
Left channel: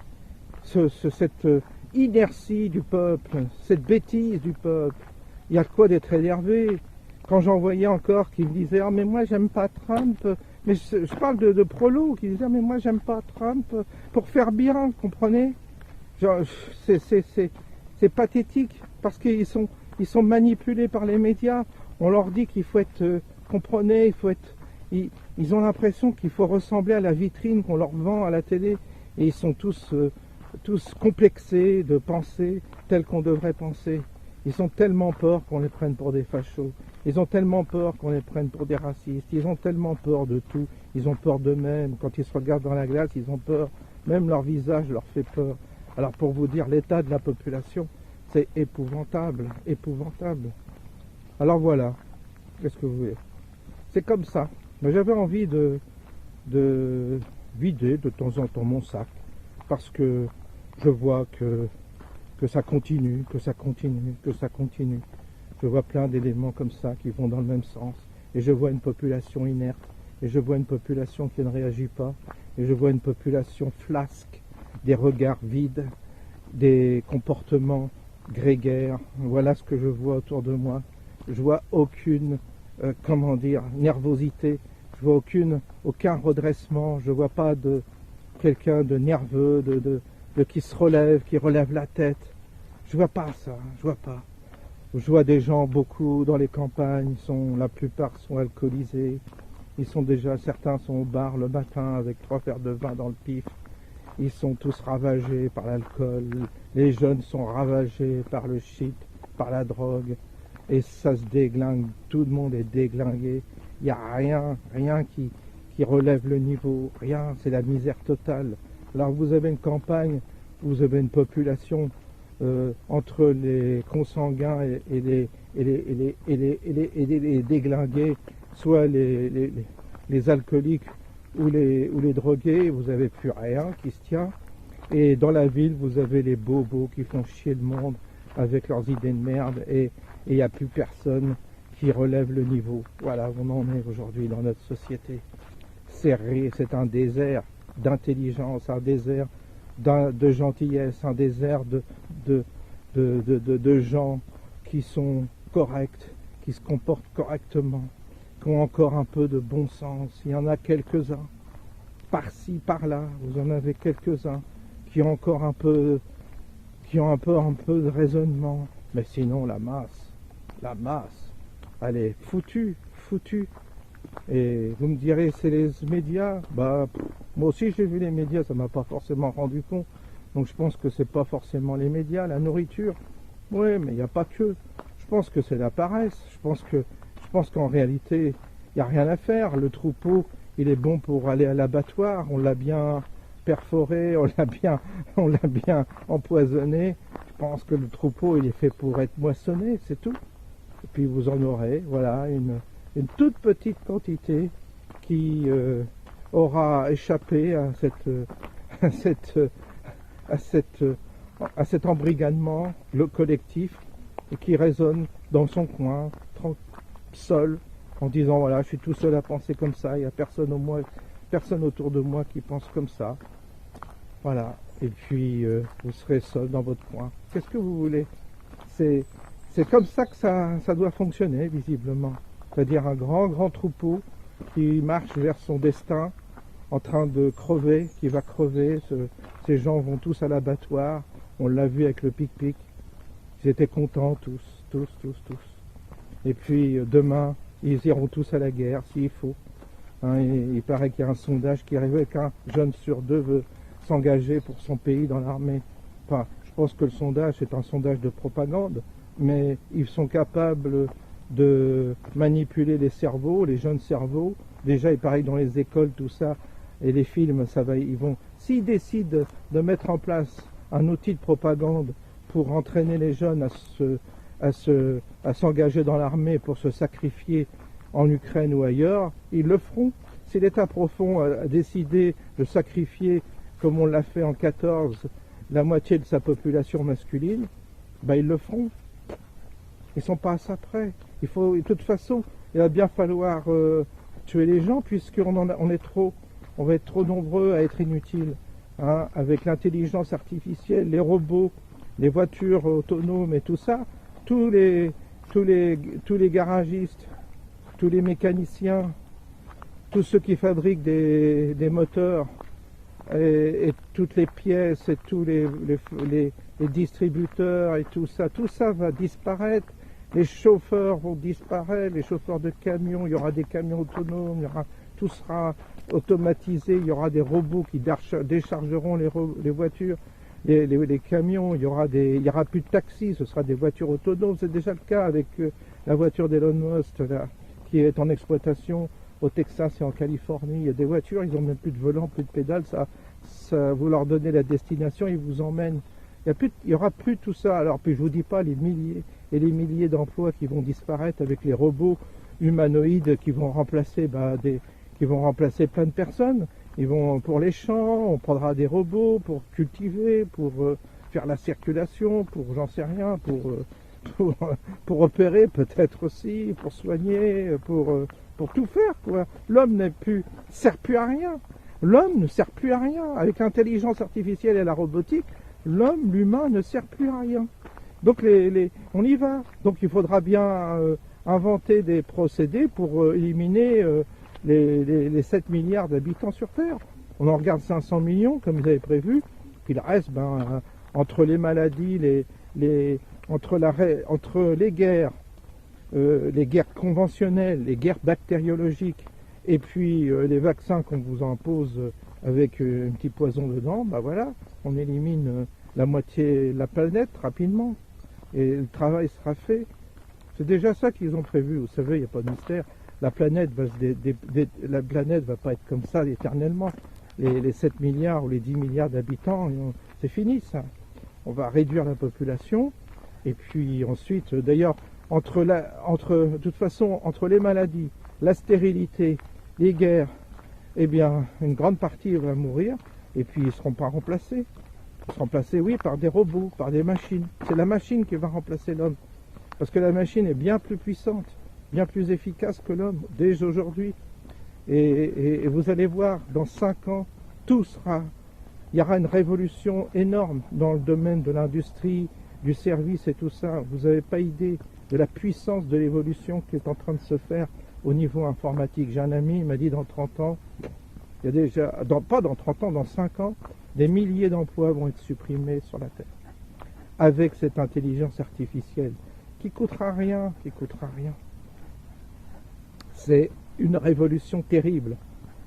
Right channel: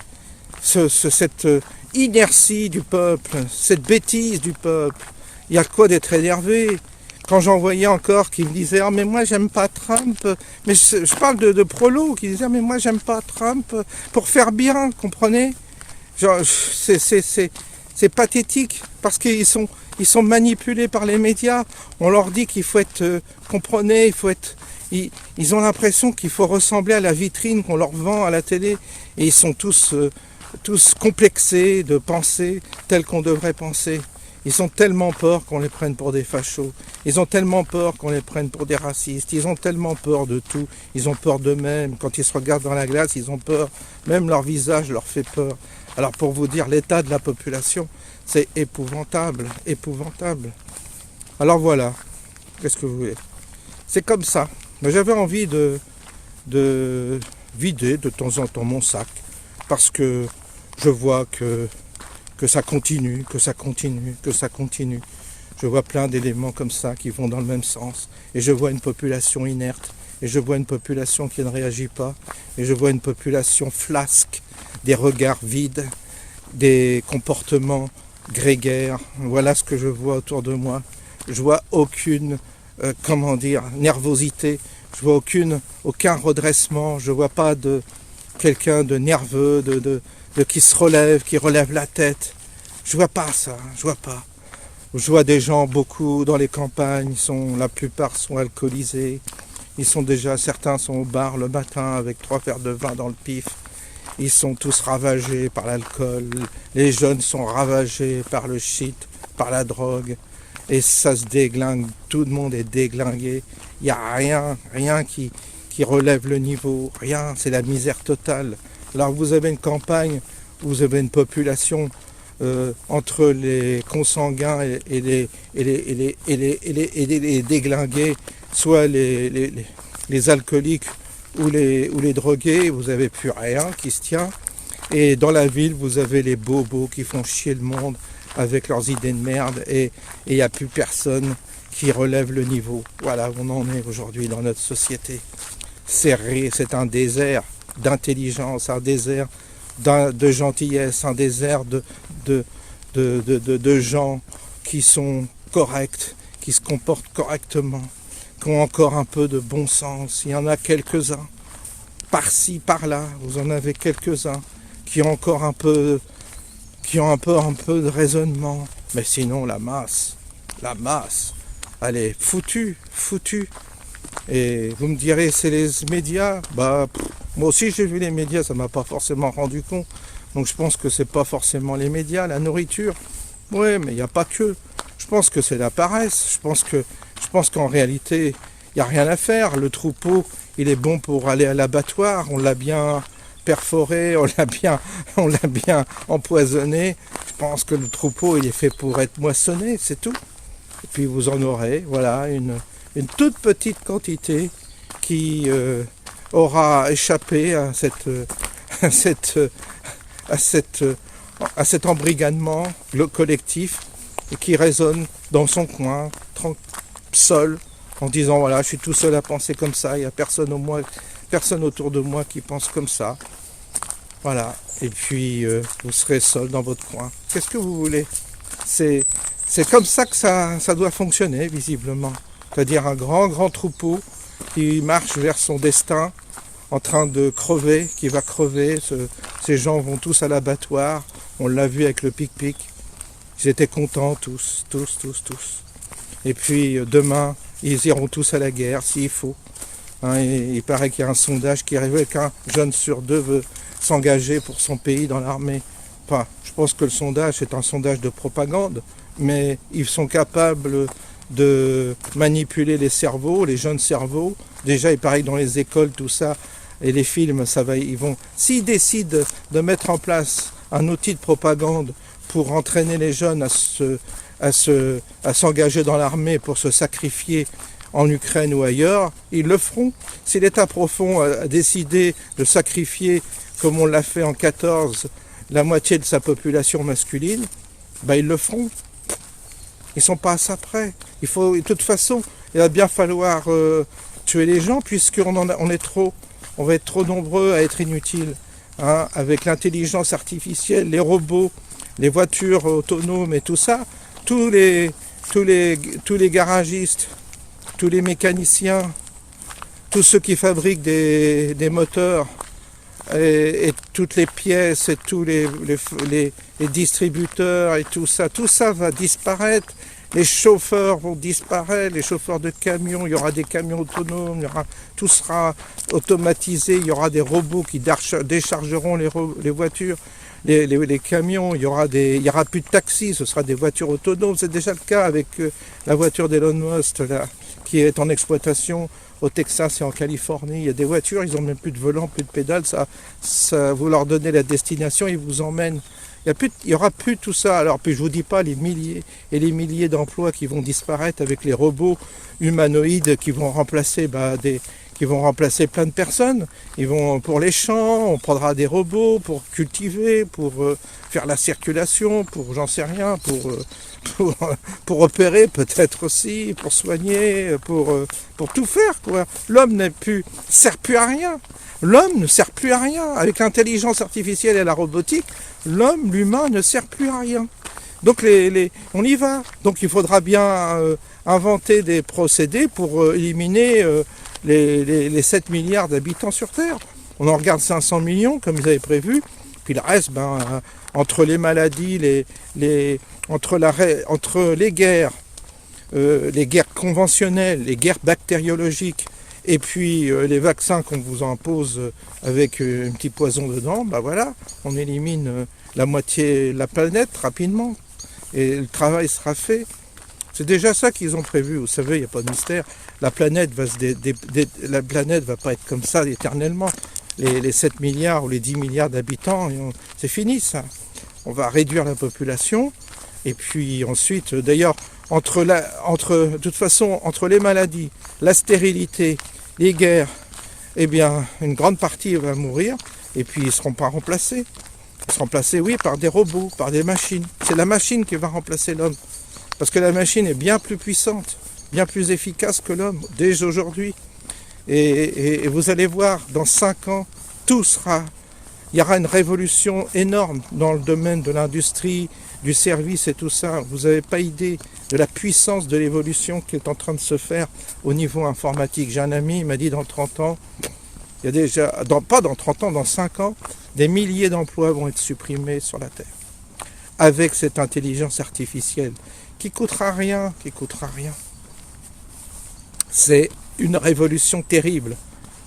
cette inertie du peuple, cette bêtise du peuple, il y a de quoi d'être énervé. Quand j'en voyais encore qui me disaient « Ah mais moi j'aime pas Trump », mais je parle de prolos qui disaient « Ah mais moi j'aime pas Trump pour faire bien, comprenez ?» C'est pathétique parce qu'ils sont manipulés par les médias. On leur dit qu'il faut être, comprenez, il faut être... Ils ont l'impression qu'il faut ressembler à la vitrine qu'on leur vend à la télé. Et ils sont tous complexés de penser tel qu'on devrait penser. Ils ont tellement peur qu'on les prenne pour des fachos. Ils ont tellement peur qu'on les prenne pour des racistes. Ils ont tellement peur de tout. Ils ont peur d'eux-mêmes. Quand ils se regardent dans la glace, ils ont peur. Même leur visage leur fait peur. Alors pour vous dire, l'état de la population, c'est épouvantable. Épouvantable. Alors voilà. Qu'est-ce que vous voulez? C'est comme ça. Mais j'avais envie de vider de temps en temps mon sac. Parce que je vois que ça continue, que ça continue, que ça continue. Je vois plein d'éléments comme ça qui vont dans le même sens. Et je vois une population inerte. Et je vois une population qui ne réagit pas. Et je vois une population flasque, des regards vides, des comportements grégaires. Voilà ce que je vois autour de moi. Je vois aucune, nervosité. Je vois aucun redressement. Je vois pas de quelqu'un de nerveux, qui se relève, qui relève la tête. Je vois pas ça, je vois pas. Je vois des gens, beaucoup dans les campagnes, la plupart sont alcoolisés. Certains sont au bar le matin avec 3 verres de vin dans le pif. Ils sont tous ravagés par l'alcool. Les jeunes sont ravagés par le shit, par la drogue. Et ça se déglingue, tout le monde est déglingué. Il n'y a rien qui relève le niveau, rien, c'est la misère totale. Alors vous avez une campagne, vous avez une population entre les consanguins et les déglingués, soit les alcooliques ou les drogués, vous n'avez plus rien qui se tient. Et dans la ville, vous avez les bobos qui font chier le monde avec leurs idées de merde et il n'y a plus personne qui relève le niveau. Voilà où on en est aujourd'hui dans notre société. C'est un désert d'intelligence, un désert de gentillesse, un désert de gens qui sont corrects, qui se comportent correctement, qui ont encore un peu de bon sens. Il y en a quelques-uns, par-ci, par-là, vous en avez quelques-uns qui ont encore un peu de raisonnement. Mais sinon, la masse, elle est foutue. Et vous me direz, c'est les médias. Moi aussi j'ai vu les médias, ça m'a pas forcément rendu compte. Donc je pense que c'est pas forcément les médias, la nourriture. Oui, mais il n'y a pas que. Je pense que c'est la paresse. Je pense qu'en réalité, il n'y a rien à faire. Le troupeau, il est bon pour aller à l'abattoir. On l'a bien perforé, on l'a bien empoisonné. Je pense que le troupeau, il est fait pour être moissonné, c'est tout. Et puis vous en aurez, voilà, une toute petite quantité qui aura échappé à cet embrigadement collectif et qui résonne dans son coin, seul, en disant voilà, je suis tout seul à penser comme ça, il n'y a personne autour de moi qui pense comme ça. Voilà, et puis vous serez seul dans votre coin. Qu'est-ce que vous voulez? C'est comme ça que ça doit fonctionner, visiblement. C'est-à-dire un grand troupeau qui marche vers son destin, en train de crever, qui va crever. Ces gens vont tous à l'abattoir. On l'a vu avec le pic-pic. Ils étaient contents, tous. Et puis demain, ils iront tous à la guerre, s'il faut. Hein, il paraît qu'il y a un sondage qui révèle qu'un jeune sur 2 veut s'engager pour son pays dans l'armée. Enfin, je pense que le sondage est un sondage de propagande, mais ils sont capables de manipuler les cerveaux, les jeunes cerveaux, Déjà, il paraît que dans les écoles, tout ça, et les films, ça va, ils vont... S'ils décident de mettre en place un outil de propagande pour entraîner les jeunes à s'engager dans l'armée, pour se sacrifier en Ukraine ou ailleurs, ils le feront. Si l'État profond a décidé de sacrifier, comme on l'a fait en 14, la moitié de sa population masculine, ben ils le feront. Ils ne sont pas à ça près. Il faut, de toute façon, il va bien falloir tuer les gens, puisqu'on est trop. On va être trop nombreux à être inutiles. Hein, avec l'intelligence artificielle, les robots, les voitures autonomes et tout ça, tous les garagistes, tous les mécaniciens, tous ceux qui fabriquent des moteurs et toutes les pièces et tous les distributeurs et tout ça va disparaître. Les chauffeurs vont disparaître, les chauffeurs de camions, il y aura des camions autonomes, tout sera automatisé, il y aura des robots qui déchargeront les voitures, les camions, il y aura plus de taxis, ce sera des voitures autonomes. C'est déjà le cas avec la voiture d'Elon Musk là, qui est en exploitation au Texas et en Californie. Il y a des voitures, ils n'ont même plus de volant, plus de pédales, ça vous leur donnez la destination, ils vous emmènent. Il n'y aura plus tout ça. Alors, puis je ne vous dis pas les milliers et les milliers d'emplois qui vont disparaître avec les robots humanoïdes qui vont remplacer plein de personnes. Pour les champs, on prendra des robots pour cultiver, pour faire la circulation, pour j'en sais rien, pour opérer peut-être aussi, pour soigner, pour tout faire, quoi. L'homme sert plus à rien. L'homme ne sert plus à rien. Avec l'intelligence artificielle et la robotique, l'humain ne sert plus à rien. Donc on y va. Donc il faudra bien inventer des procédés pour éliminer les 7 milliards d'habitants sur Terre. On en regarde 500 millions comme ils avaient prévu. Puis le reste, entre les maladies, entre les guerres conventionnelles, les guerres bactériologiques, et puis les vaccins qu'on vous impose avec un petit poison dedans, voilà, on élimine la moitié de la planète rapidement et le travail sera fait. C'est déjà ça qu'ils ont prévu, vous savez, il n'y a pas de mystère. La planète va pas être comme ça éternellement. Les 7 milliards ou les 10 milliards d'habitants, c'est fini ça. On va réduire la population et puis ensuite, d'ailleurs, de toute façon, entre les maladies, la stérilité, les guerres, eh bien, une grande partie va mourir, et puis ils ne seront pas remplacés. Ils seront remplacés, oui, par des robots, par des machines. C'est la machine qui va remplacer l'homme. Parce que la machine est bien plus puissante, bien plus efficace que l'homme, dès aujourd'hui. Et vous allez voir, dans 5 ans, il y aura une révolution énorme dans le domaine de l'industrie, du service et tout ça. Vous n'avez pas idée de la puissance de l'évolution qui est en train de se faire au niveau informatique. J'ai un ami, il m'a dit dans 30 ans, il y a déjà, pas dans 30 ans, dans 5 ans, des milliers d'emplois vont être supprimés sur la Terre. Avec cette intelligence artificielle qui coûtera rien. C'est une révolution terrible.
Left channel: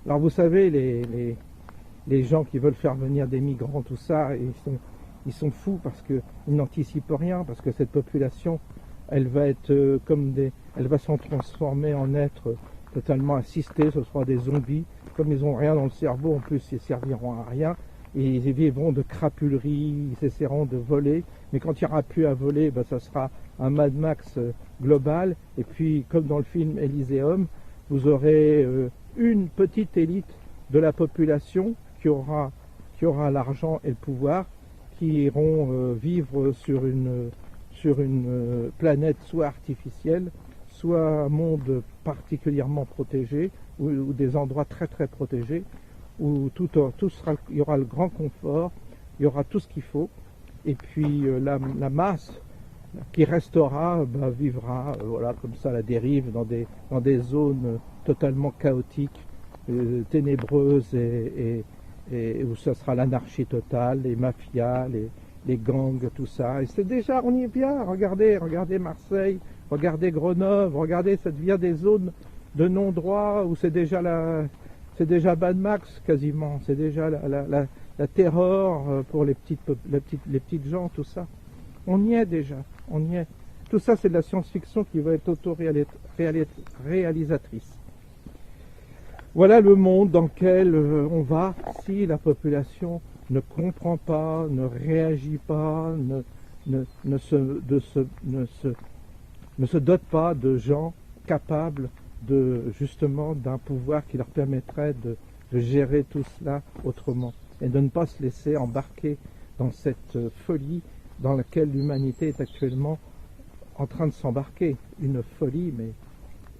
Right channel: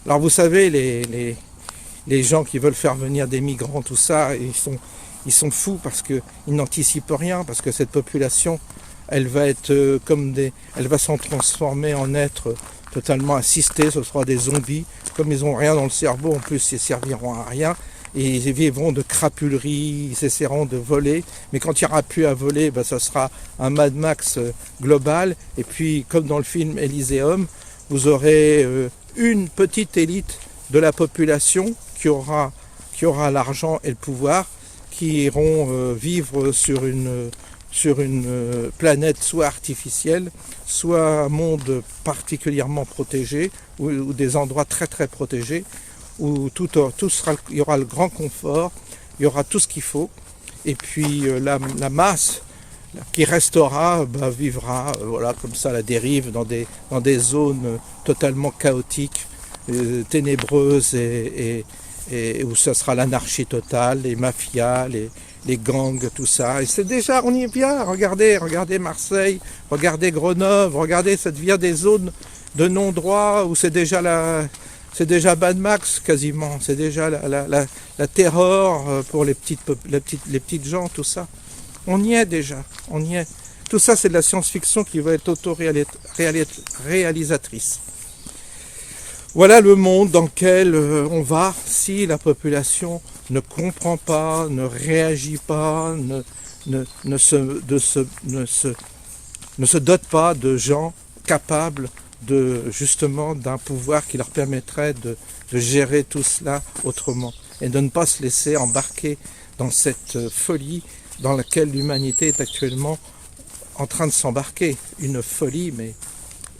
Alors vous savez, les gens qui veulent faire venir des migrants, tout ça, ils sont fous parce qu'ils n'anticipent rien, parce que cette population, elle va être elle va s'en transformer en êtres totalement assistés, ce sera des zombies, comme ils n'ont rien dans le cerveau, en plus ils serviront à rien, et ils vivront de crapulerie, ils essaieront de voler, mais quand il n'y aura plus à voler, ça sera un Mad Max global, et puis comme dans le film Elysium, vous aurez une petite élite de la population qui aura l'argent et le pouvoir, qui iront vivre sur une planète soit artificielle, soit un monde particulièrement protégé, ou des endroits très très protégés, où il y aura le grand confort, il y aura tout ce qu'il faut, et puis la masse qui restera vivra comme ça à la dérive dans des zones totalement chaotiques, ténébreuses et où ça sera l'anarchie totale, les mafias, les gangs, tout ça. Et c'est déjà, on y vient, regardez Marseille, regardez Grenoble, regardez, ça devient des zones de non-droit où c'est déjà Mad Max quasiment, c'est déjà la terreur pour les petites gens, tout ça. On y est déjà, on y est. Tout ça, c'est de la science-fiction qui va être auto-réalisatrice. Voilà le monde dans lequel on va si la population ne comprend pas, ne réagit pas, ne se dote pas de gens capables justement d'un pouvoir qui leur permettrait de gérer tout cela autrement et de ne pas se laisser embarquer dans cette folie dans laquelle l'humanité est actuellement en train de s'embarquer. Une folie mais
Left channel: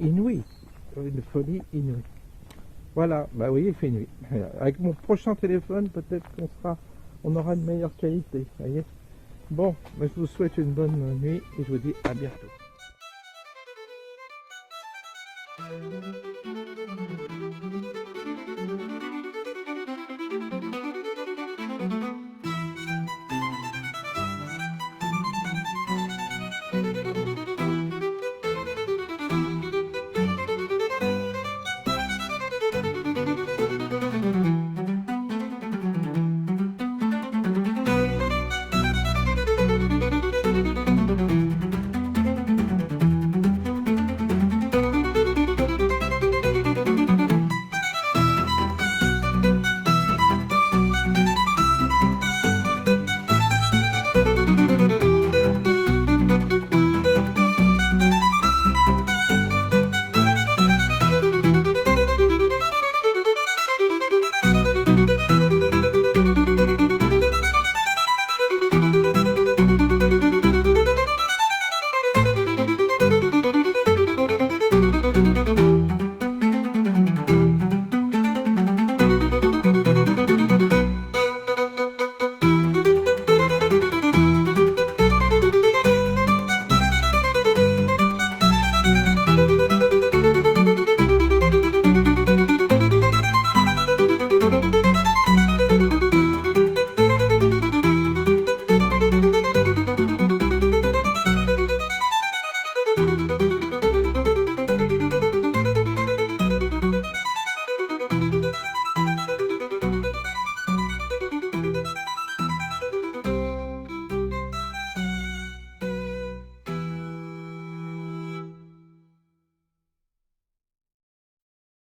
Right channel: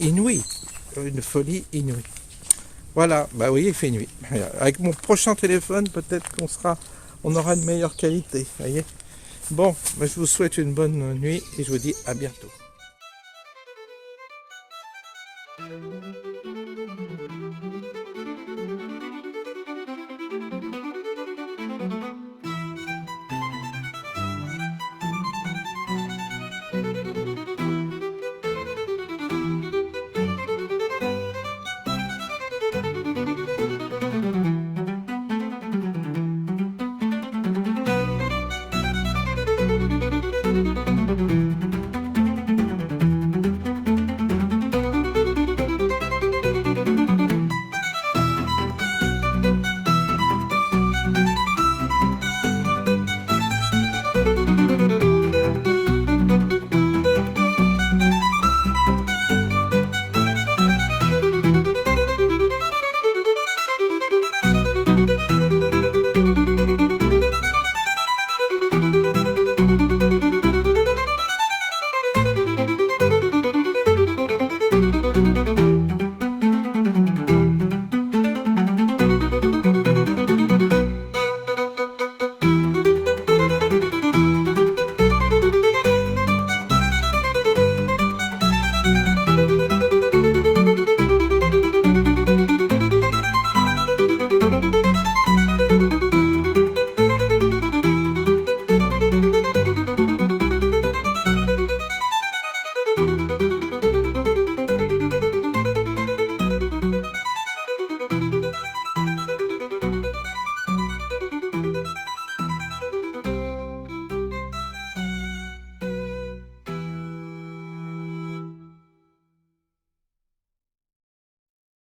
inouïe, une folie inouïe. Voilà, bah oui, il fait nuit. Avec mon prochain téléphone, peut-être on aura une meilleure qualité, voyez. Bon, bah, je vous souhaite une bonne nuit et je vous dis à bientôt.